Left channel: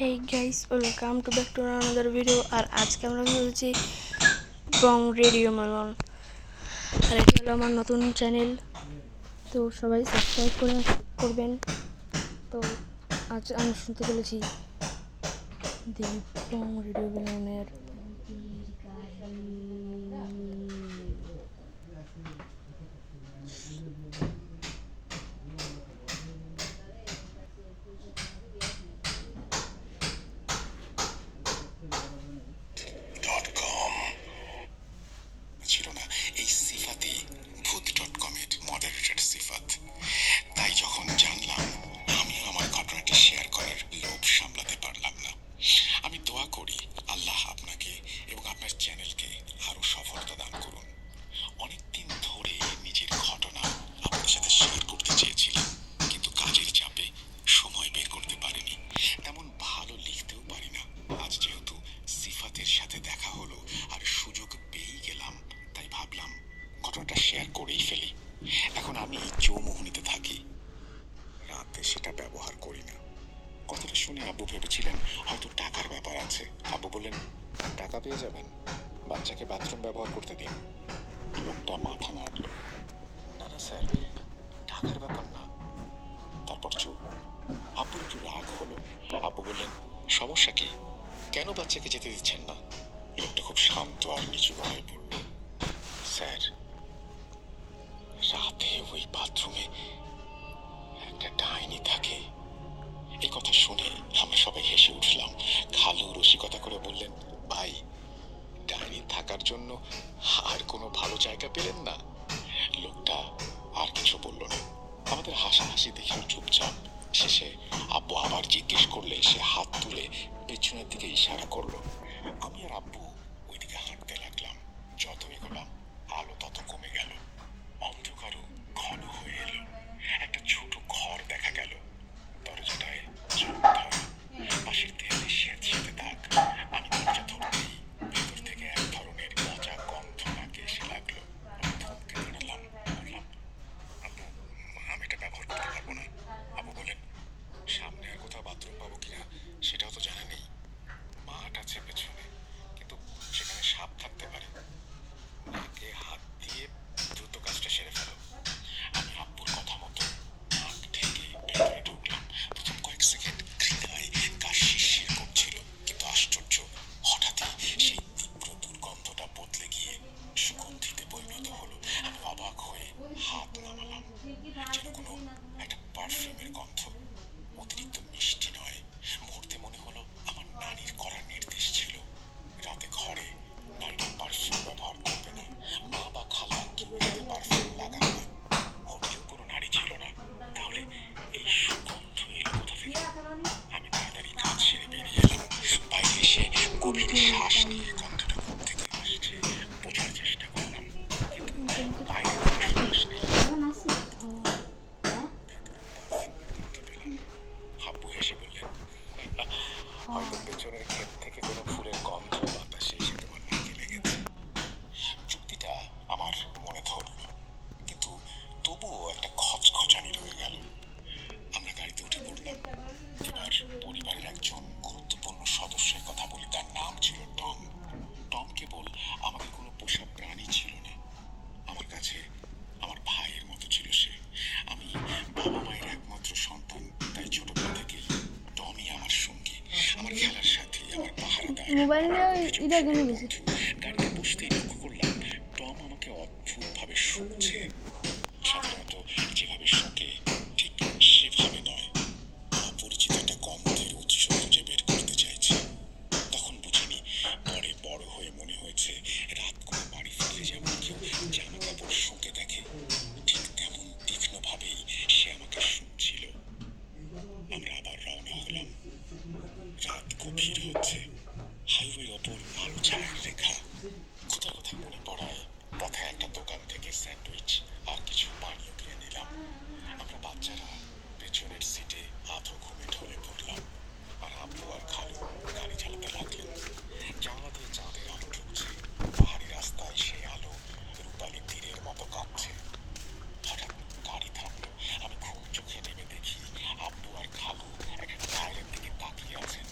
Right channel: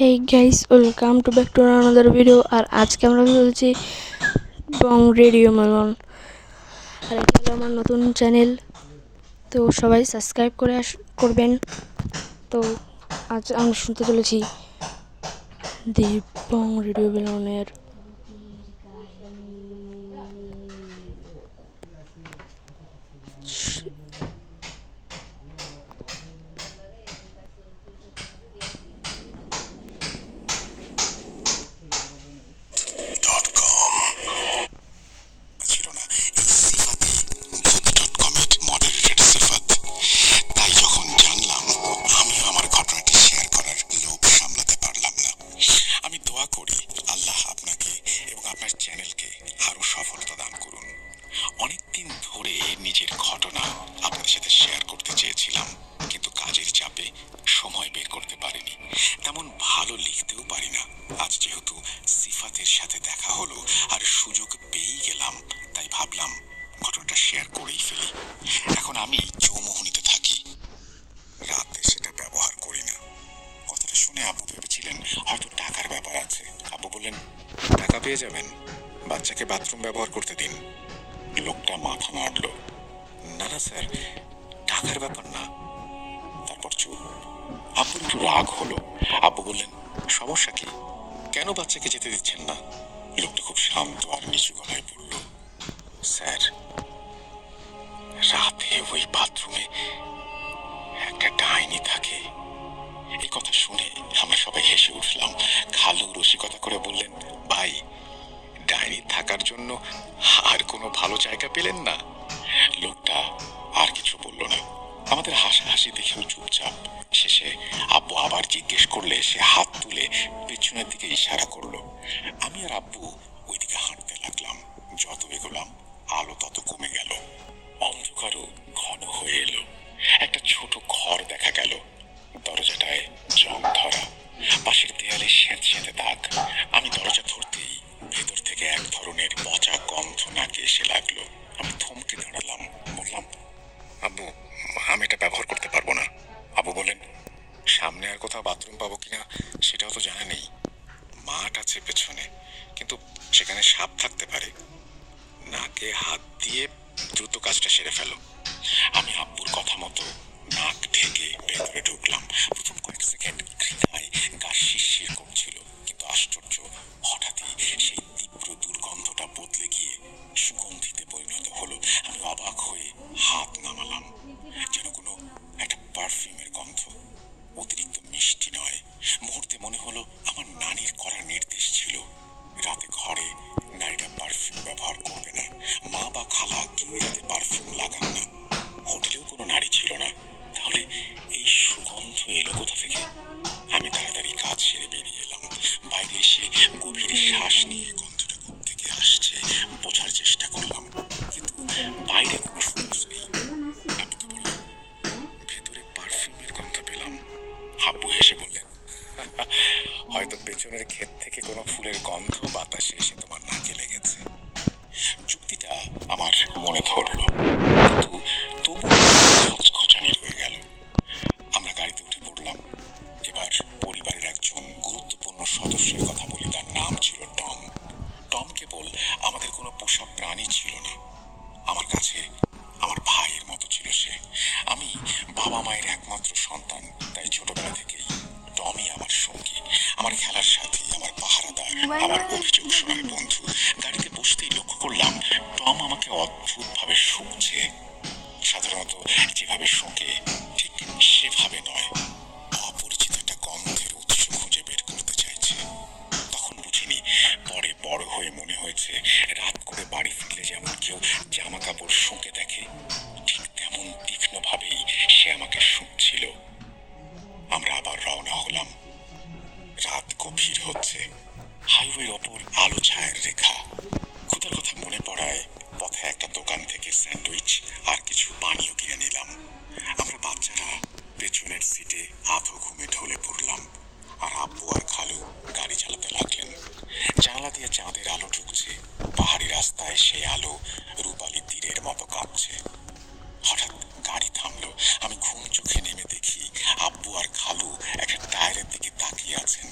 Hey guys, welcome to back to another video. আর আজকে আমরা চলছি বং রেডিও মেলন। আর এটা হলো আমার নতুন চ্যানেল, তো সবাই সাবস্ক্রাইব করবেন। তো আজ আমরা শুনতে চলেছি দি বং রেডিও মেলনের অনেকদিন ধরে নিজের ঘটনা আপনাদের সাথে শেয়ার করতে চেয়েছিলাম, কিন্তু কাজের চাপে সময় বের করতে পারিনি। তেমন ভালো লিখতেও পারি না। আজ যেহেতু সিফাতের সাথে দেখা হলো আর সুযোগ পেয়েই গেলাম, তাই ভাবলাম ঘটনাটা শেয়ার করেই ফেলি। এখন আমি চৌমুহনীতে থাকি, রাতে সেটা ব্যবহার করি না। কথাটা শুনে আব্বু ভেবেছিলেন হয়তো টাকার ব্যাপার আছে। আব্বু বললেন, টাকা পেয়ে যাবেন, বাচ্চাকে বাথরুম ব্যবহার করতে দিন। লোকটা মাথা নাড়ল। না না স্যার, টাকার ব্যাপার না। তারপর চুপ। আব্বুর একটু রাগ হলো। আব্বু বললেন, সমস্যা কি, কেন বাচ্চাকে যেতে দিচ্ছেন না? লোকটা খুব শান্ত আর নিচু গলায় বলল, স্যার, রাতে ওই বাথরুমে একটা ডাইনি থাকে। এই কথা শুনে আমরা সবাই হেসে উঠলাম। খালু রসিকতা করে বললেন, ভাই, ডাইনি থাকার জন্য আর কোনো ভালো জায়গা পেলেন না? লোকটা আর কিছু বলল না। আমাদের হাসাহাসি দেখেও চুপচাপ। শেষে আব্বু আবার জিজ্ঞেস করলে সে হাত তুলে পেছনের দিকে ইশারা করলো। আমি আর আব্বু ওইদিকে হাঁটতে লাগলাম। যত এগোলাম আলো তত কমে গেল, অন্ধকারও ঘন হয়ে এলো। একটা ছোট ঘর দেখা গেল। দরজাটায় জং ধরা, পাশের দেয়ালে স্যাঁতস্যাঁতে দাগ। আমি দরজা ধরতেই ভেতর থেকে এক ধরনের পচা গন্ধ নাকে এসে লাগলো। আমি থমকে দাঁড়ালাম, বললাম, আব্বু, আমি এটা ব্যবহার করতে পারবো না। আব্বু বলেন, সামনে আর কোথাও বাথরুম পাবো কিনা সেটাও তো জানা নেই। মাঠ আছে পেছনে, কিন্তু সেখানে সাপ থাকতে পারে। নাকে হাত দিয়ে দ্রুত কাজটা সেরে ফেলো। আমি আব্বুর কথা মতো নাক ঢেকে ভেতরে ঢুকলাম। প্রথম কয়েক সেকেন্ড ঘৃণায় গা শিরশির করছিল, কিন্তু আশ্চর্য, হঠাৎই সেই তীব্র দুর্গন্ধটা বদলে গিয়ে সুগন্ধিতে পরিণত হলো। আমি অবাক হয়ে হাত নামালাম, যেন কোনো একটা পারফিউমের গন্ধ। অতিরিক্ত মিষ্টি নয়। মুহূর্তে মনে হলো আমার নানির করা নির্দেশ ছিল, রাতে ঘরে নারীরা পারফিউম ব্যবহার করবে না। মা বা খালা কেউ রাতে পারফিউম লাগান না। হোটেলেও কোনো নারী ছিল না। তাহলে এই সুগন্ধ এলো কোথা থেকে? আমি তাড়াতাড়ি কাজ সেরে বেরিয়ে এলাম। বাইরে এসে গভীর শ্বাস নিয়ে গন্ধটা থেকে আসছে বোঝার চেষ্টা করলাম, কিন্তু বাইরে কোনো সুবাস নেই। আব্বুকে বললাম, ভেতরে পারফিউমের গন্ধ পেলাম। আব্বু হেসে বললেন, হয়তো পেছনের ক্ষেত থেকে কোনো ফুলের গন্ধ বাতাসে এসে তোমার নাকে লেগেছে। যুক্তিটা আমার মনে ধরল, কিন্তু তবু খচখচানি রয়ে গেল। আমরা গাড়িতে উঠে পড়লাম। এবার পরিবারের একজন গুরুত্বপূর্ণ সদস্যের কথা বলি। তার নাম ছিল টম। টম কেবল আমাদের কোনো পোষা প্রাণী ছিল না, আমার কাছে আমার ভাইয়ের মতো ছিল সে। আমি বাবা মায়ের একমাত্র সন্তান, তাই ছোটবেলা থেকেই টমই আমার সঙ্গী, আমার খেলার সাথী, আমার পাহারাদার, আমার অভিযোগ শুনার বন্ধু। গাড়িতে বসতেই লক্ষ্য করলাম টম আমাকে অদ্ভুতভাবে শুনছে। সাধারণত যেভাবে শুকে ঠিক সেভাবে নয়, অপরিচিত একটা গন্ধের উৎস খুঁজে বের করতে চাইছে। তখন বুঝিনি, পরে বড় হয়ে মনে হয়েছে রাত করে বাড়ি ফিরলে যেমন কেউ জামা কাপড় শুঁকে দেখে, ঠিক তেমন তীক্ষ্ণভাবেই সে আমাকে শুঁকছিল। আমরা আবার রওনা হলাম। রাত গভীর হচ্ছে, হাইওয়ের ওপর আলো ছায়ার রেখা। ক্ষুধার কথা মনে পড়ায় পথে একটা দোকান থেকে স্যান্ডউইচ আর কিছু পানীয় কিনে নিলাম। আমরা বাচ্চারা পেছনের সিটে আধো ঘুমে ঢলে পড়লাম, আর আব্বু আর খালু গাড়ি চালাতে লাগলেন। জানালা দিয়ে চাঁদের আলো ঢুকছে, পাহাড়ি রাস্তায় সেই আলো রূপালী তীরের মতো কাঁপছে। হঠাৎ গাড়ি থামলো। আমি ঘুম চোখে নেমে দেখি আব্বু আর খালু একটা টায়ারের দিকে তাকিয়ে আছেন।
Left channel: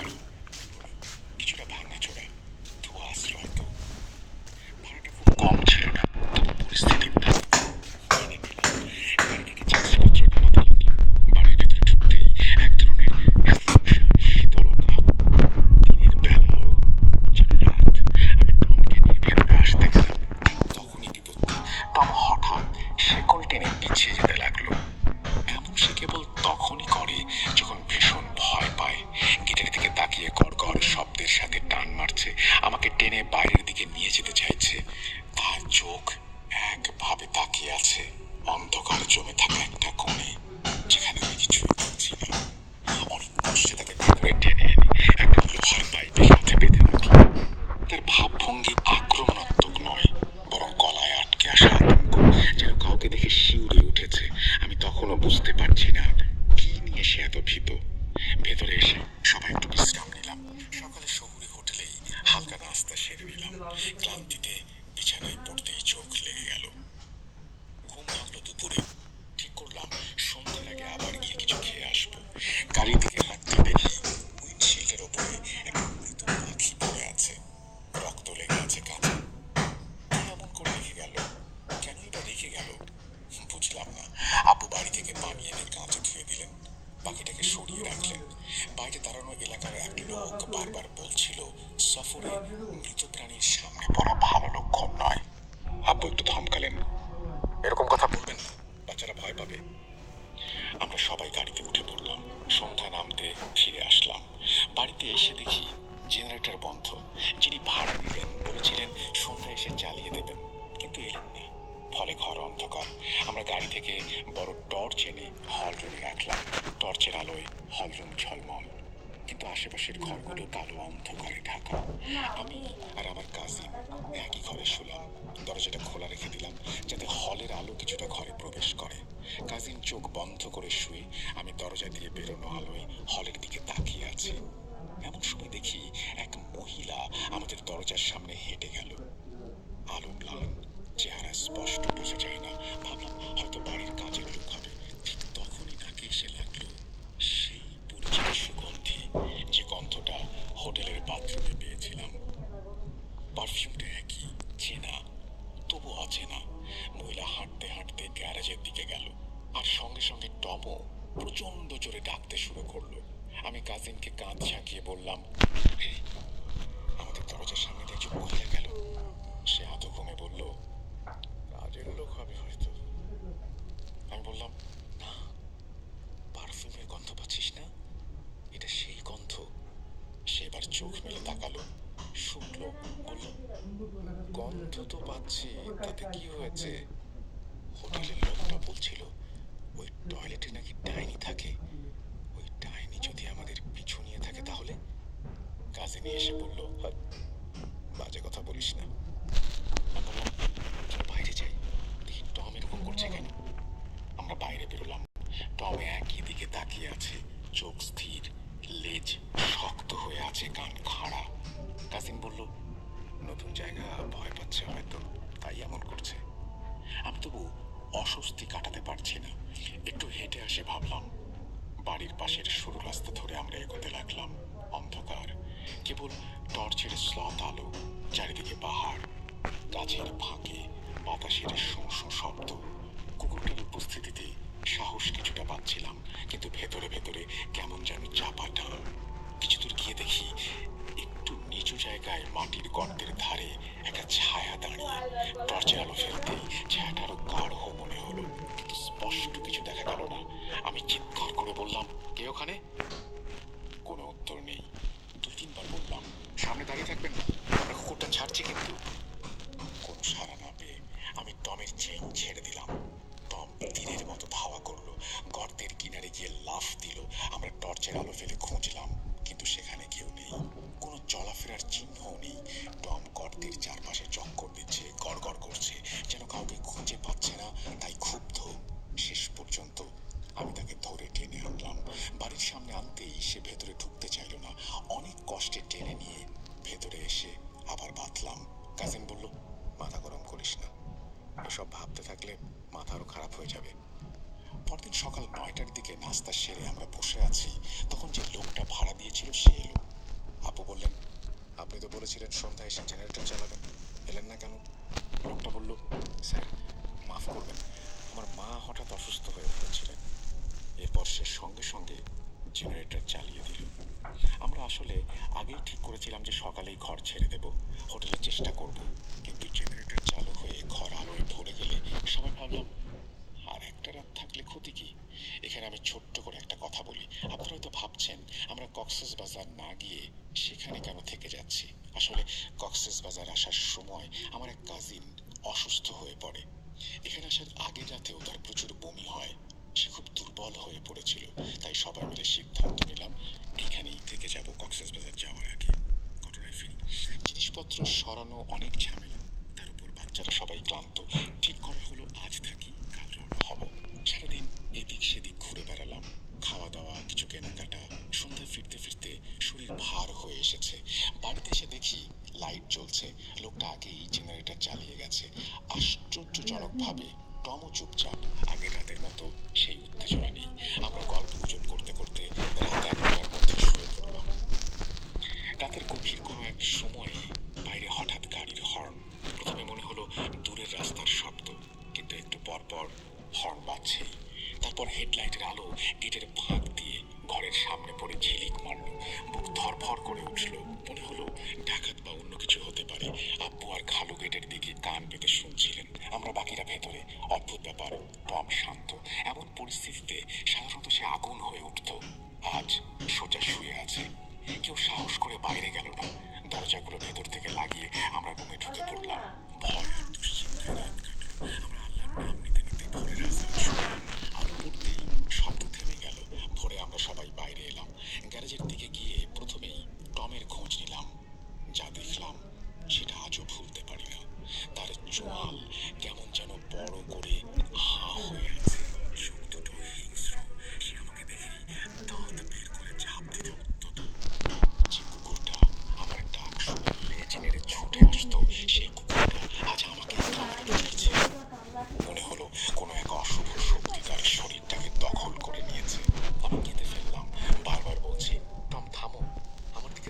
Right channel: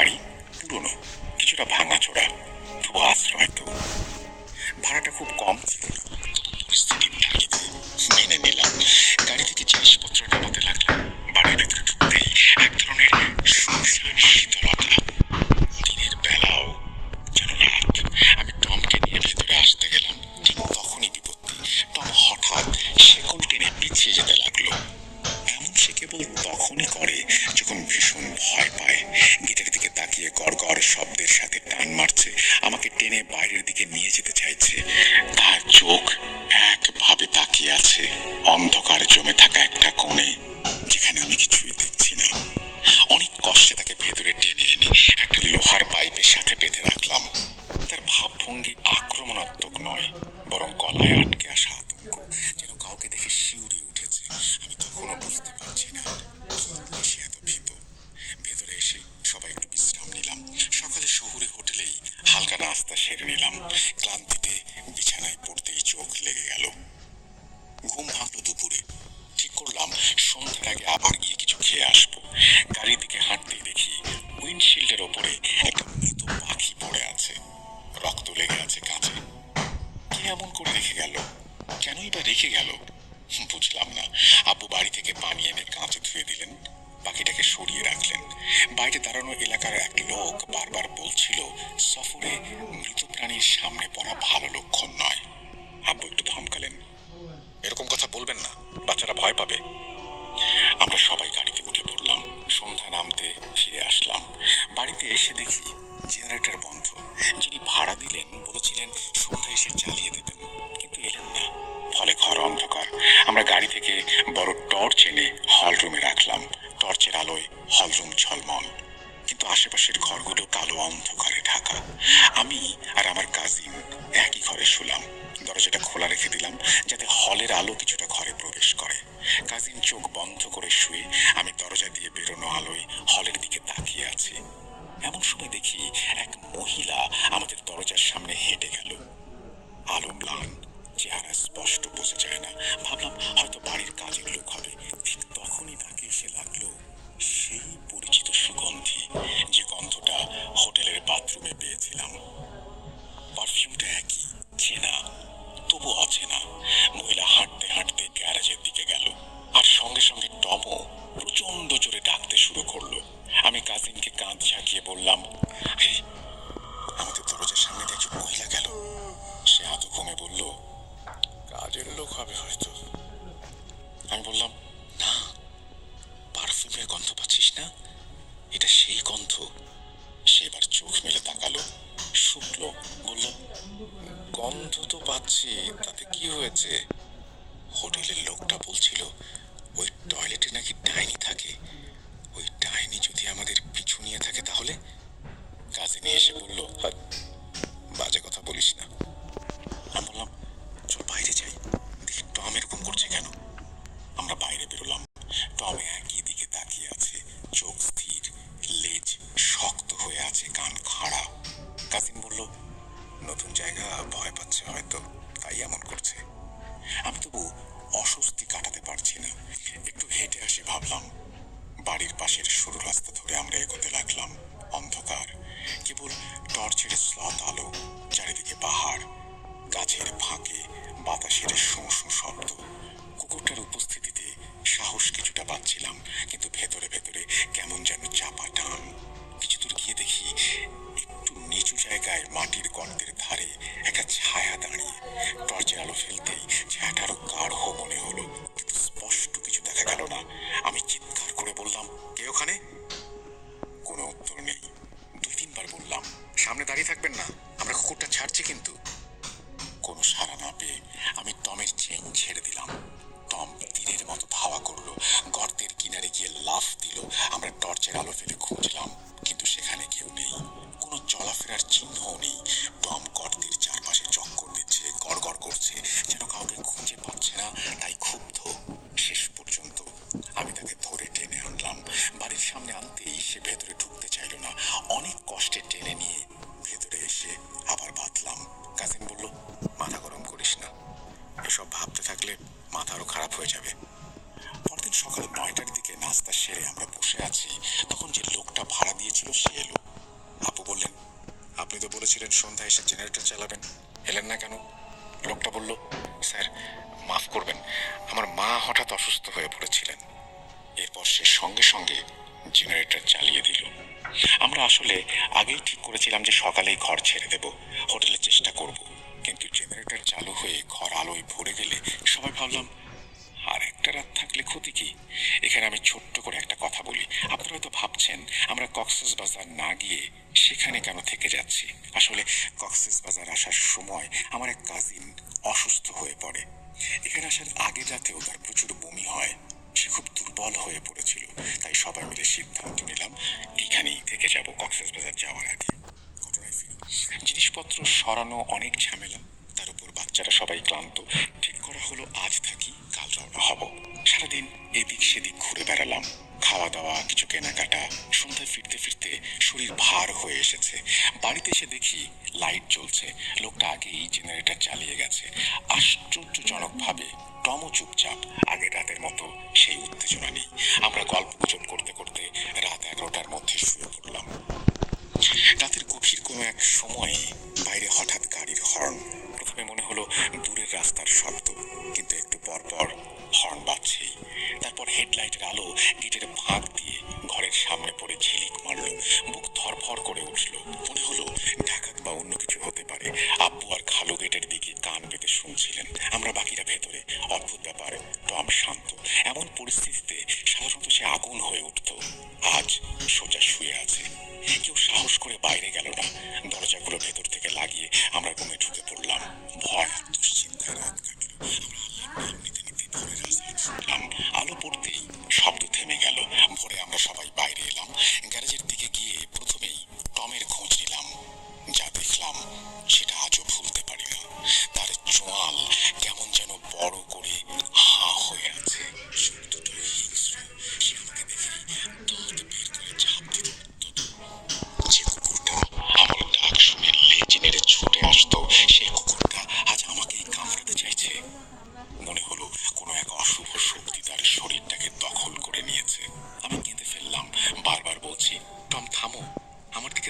বাড়ি, পুরনো, কিছুটা ভাঙাচোরা, তবু আশ্রয় তো। ভাড়াটা খুব কম ছিল না, তবু পরিস্থিতির তাগিদে মেনে নিলাম। গাড়ি থেকে জিনিসপত্র নামাতে লাগলাম। বাড়ির ভেতরে ঢুকতেই এক ধরনের শুনশান শীতলতা। দিনের বেলাও যেন রাত। আমি টমকে নিয়ে ভেতরে আসতে গেলাম, ঠিক তখনই বিপত্তি। টম হঠাৎ শেকল টেনে পিছিয়ে যেতে লাগলো। এমন সে কেবল তখনই করে যখন ভীষণ ভয় পায়। গেটের দিকে তাকিয়ে গড়গড় শব্দের সাথে টান মারছে, আমাকে টেনে বাইরের দিকে নিয়ে যেতে চাইছে। তার চোখ একভাবে তাকিয়ে আছে অন্ধকার জমে থাকা একটা কোণে, যেখানে আমি কিছুই দেখছি না। অনেক কষ্টে তাকে ভেতরে টেনে এনে একটা লোহার পাইপের সাথে বেঁধে রাখলাম। তার ভাবভঙ্গি আক্রমণাত্মক নয়, বরং গলায় আটকে আসা আতঙ্ক, যেন কাউকে দেখে শিউরে উঠেছে। আমি তখনও বুঝতে পারছি না কি নিয়ে সে এত ভীত। ভেতরে এসে সবাই একটু বিশ্রাম নিলাম। সকালে শহুরে হোটেলেই হালকা নাস্তা সেরে নিলাম। ক্লান্তিতে বিছানায় পড়তেই চোখ লেগে গেল। ঘুম ভাঙলো দুপুরে। ঠিক করলাম সন্ধ্যের আগে আবার গিয়ে কিছু খেয়ে আসবো। গাড়ির দিকে হাঁটতে দেখি উইন্ডশিল্ডের ওপরে একটা মৃত পাখি পড়ে আছে, রক্ত লেগে আছে কাঁচে। কে এমন করে রেখে গেল? কেনই বা রেখে গেল বুঝলাম না। আব্বু বাড়ি থেকে পানি এনে কাঁচে ধুয়ে দিলেন, পাখিটাকে সরিয়ে রাখলেন। বাইরে দাঁড়ানো এলাকার এক লোক বারবার বলছিল সফরে মৃত প্রাণীর সামনে পড়া ভালো লক্ষণ নয়। আব্বু একটু ধমকালেন, এরকম কথা বলবেন না, বাচ্চারা ভয় পাবে। আমরা সবাই গাড়িতে উঠে পড়লাম। সন্ধ্যা নামতে ফিরে আসলাম। বাড়িতে এসে দেখি জেনারেটর বন্ধ। যিনি ভাড়া দিলেন বলেছিলেন সন্ধ্যা এসে চালিয়ে দেবেন, কিন্তু এলেন না। ফলে ঘর অন্ধকার। আমরা গাড়ি থেকে বড় টর্চ এনে হল রুমে রাখলাম। টর্চের আলোয় হলরুম ঝলমল, কিন্তু আশেপাশের ঘরগুলো কালো অন্ধকারে ঢাকা। আমি আর আমার কাজিন একই ঘরে শুলাম। দরজাটা খোলা রেখে দিলাম যাতে হলের আলো কিছুটা ঘরে প্রবেশ করে। কাজিন চোখ বন্ধ করে শুয়ে, আমি দরজা দিয়ে বেরোনো আলোয় হলের দিকে তাকিয়ে আছি। এমন সময় দেখি এক মহিলা আমাদের দরজার সামনে হেঁটে গেল। আলো ম্লান, চেহারা স্পষ্ট বোঝা যায় না। ভাবলাম হয়তো বাড়ির কাজের লোক হবে। ঠিক তখনই তাকে এসে লাগলো সেই পরিচিত সুগন্ধি, যে গন্ধটা হোটেলের বাথরুমে পেয়েছিলাম। পারফিউমটা একই, চেনা তবু অচেনা। মহিলা হাঁটতে হাঁটতে গ্যারেজের দিকে গেল, আর সঙ্গে সঙ্গে টমও প্রচন্ড জোরে ডাকতে শুরু করলো। আমি কাজিনকে কাঁধ ঝাঁকিয়ে বললাম, "হেই, আমাদের দরজার সামনে দিয়ে একজন মহিলা গেল।" সে আধো ঘুমে বলল, কাজের লোক হবে হয়তো। আমি বললাম, না, পারফিউমের গন্ধ পাচ্ছিস না? এটা সেই গন্ধ। সে এবার চোখ মেলে তাকালো, শুকলো, বলল, গন্ধ তো পাচ্ছি, তাতে কি হয়েছে? হোটেলের লোকটা বলছিল ওই টয়লেটে নাকি ডাইনি থাকে। ওই ডাইনি যদি আমাদের পিছু নিয়ে থাকে তাহলে? কাজিনী এসে বলল, "হাট, বাজে কথা বলিস না।" আমি বললাম, চল বাইরে যাই, দেখি টম এরকম করছে কেন। আমরা বাইরে বেরোলাম। টম একই দিকে তাকিয়ে আছে, চোখ স্থির, লেজ শক্ত হয়ে আছে, কান খাড়া। কাজিন বলল, নতুন জায়গা, ভয় পাচ্ছে হয়তো, তাই এমন করছে। আমি তবু অস্বস্তি কাটাতে পারছি না। একটু হেঁটে আসে ভাবলাম। বাড়ির পাশের সরু রাস্তা ধরে আমরা এগোতে লাগলাম। অন্ধকার, কেবল টর্চের স্লথ আলো, চারিদিকে পাহাড়, গাছের ফাঁকে বাতাসের শোঁ শোঁ শব্দ। কুকুরটার উপস্থিতিতে সাহস কিছুটা পাচ্ছিলাম, কিন্তু ভেতরে ভেতরে কেমন যেন চাপা টান। কিছু দূর গিয়ে দেখি একটু নিচু জায়গায় মাটির গর্তের ধারে একটা ছায়া দাঁড়িয়ে। টর্চের আলো ফেলতেই ছায়াটা আরো গাঢ় মনে হলো, কিন্তু স্পষ্ট কিছু দেখা গেল না। আমি চিৎকার করে বললাম, কে ওখানে? কোনো উত্তর নেই। 2-3 বার বললাম, সামনে দাঁড়িয়ে থাকবেন না, আমরা কুকুরটা ছাড়ছি কিন্তু। কোনো সাড়া না পেয়ে আমি টমের চেইন ছেড়ে দিলাম। টম তীরের মতো ধাওয়া করলো, গর্তের কিনারে গিয়ে লাফ দিল। আমরা টর্চের আলো ফেলে খুঁজলাম, কিন্তু সেখানে কেউ নেই, কোনো চলাফেরার চিহ্নও নেই। টম গর্তের চারপাশে চক্কর দিচ্ছে, গড়গড় করছে, যেন কাউকে খুঁজে পাচ্ছে না, তাই ক্ষুব্ধ। শেষ পর্যন্ত আমি তাকে ধরে টেনে আনলাম। বাড়ির সামনে আনতেই সে ভেতরে ঢুকতে চাইল না। অনেক কষ্টে টেনে নিয়ে ভেতরে এসে আবার বাঁধলাম। কাজিন বলল, মাথা গরম করিস না, এসব ভাবতে থাকলে মাথা আরো খারাপ হয়ে যাবে। পরদিন সকালে 9টার দিকে নাস্তা সেরে আমরা বসে আছি, তখন যে লোকটা ভাড়া দিয়েছিল সে এলো। বলেছিলেন সন্ধ্যায় এসে জেনারেটর চালাবেন, এলেন না কেন? লোকটা বলল, স্যার মাফ করবেন, আমার মা হঠাৎ অসুস্থ হয়ে পড়েছিলেন। এরপর সে সঙ্গে সঙ্গে জেনারেটর চালিয়ে দিল। আমরা আসলে আগেই ঠিক করেছিলাম যে সকালেই ঘর ছেড়ে দেব, হোটেলের চেষ্টা করব, কিন্তু জেনারেটর চালু হয়ে ঘর আলোয় ভরে গেলে সবাই ভাবলাম আর একটা রাত থাকলে ক্ষতি কি। এখানে আমি ছোট্ট করে একটা কথা বলি, আপনারা তো ভাবছেন আমরা কক্সবাজার না গিয়ে সেখানে কেন থেকে যাচ্ছি। আসলে কক্সবাজার আসার সময় আমার এক কাজিন অসুস্থ হয়ে পড়ে। এখানে আসার আগের রাতেও তার প্রচুর বমি হয়, সে খুব দুর্বল হয়ে পড়েছিল। তাই সবাই মিলে সিদ্ধান্ত নিলাম এখানেই থেকে যাব কক্সবাজার যাওয়ার আগে। ঘটনায় ফিরি, জিনিসপত্র সরানো অনেক ঝামেলা, তার উপর বাচ্চারা সবাই ক্লান্ত। ঠিক করা হলো আজ থাকি, কাল রওনা হব। সারাদিন এদিক সেদিক ঘুরে বেড়ালাম, খাওয়া দাওয়া, কিছু কেনাকাটা। সন্ধ্যায় ফিরতে ফিরতে শরীর ভার হয়ে এসেছে। বাড়িতে এসে দেখি লাইট জ্বলছে, লোকটা আগেই জেনারেটর চালিয়ে গেছে। আশ্চর্যজনকভাবে টমও চুপচাপ, আগের রাতের মতো সেই উত্তেজনা নেই। আমরা গল্প গুজব করতে করতে রাত 11টার মধ্যে শুয়ে পড়লাম। রাতের গভীর কোনো এক সময়ে বাইরে হঠাৎ গাড়ির হর্ন। প্রথমে মনে হলো দূরের রাস্তার শব্দ, কিন্তু একটু পর পর হর্ন বাজছেই। তারপর হেডলাইটের আলো গেটের ফাঁক দিয়ে ঘরের সামনে পড়ে ঝিলিক মারল, বুক ধরফর করে উঠল।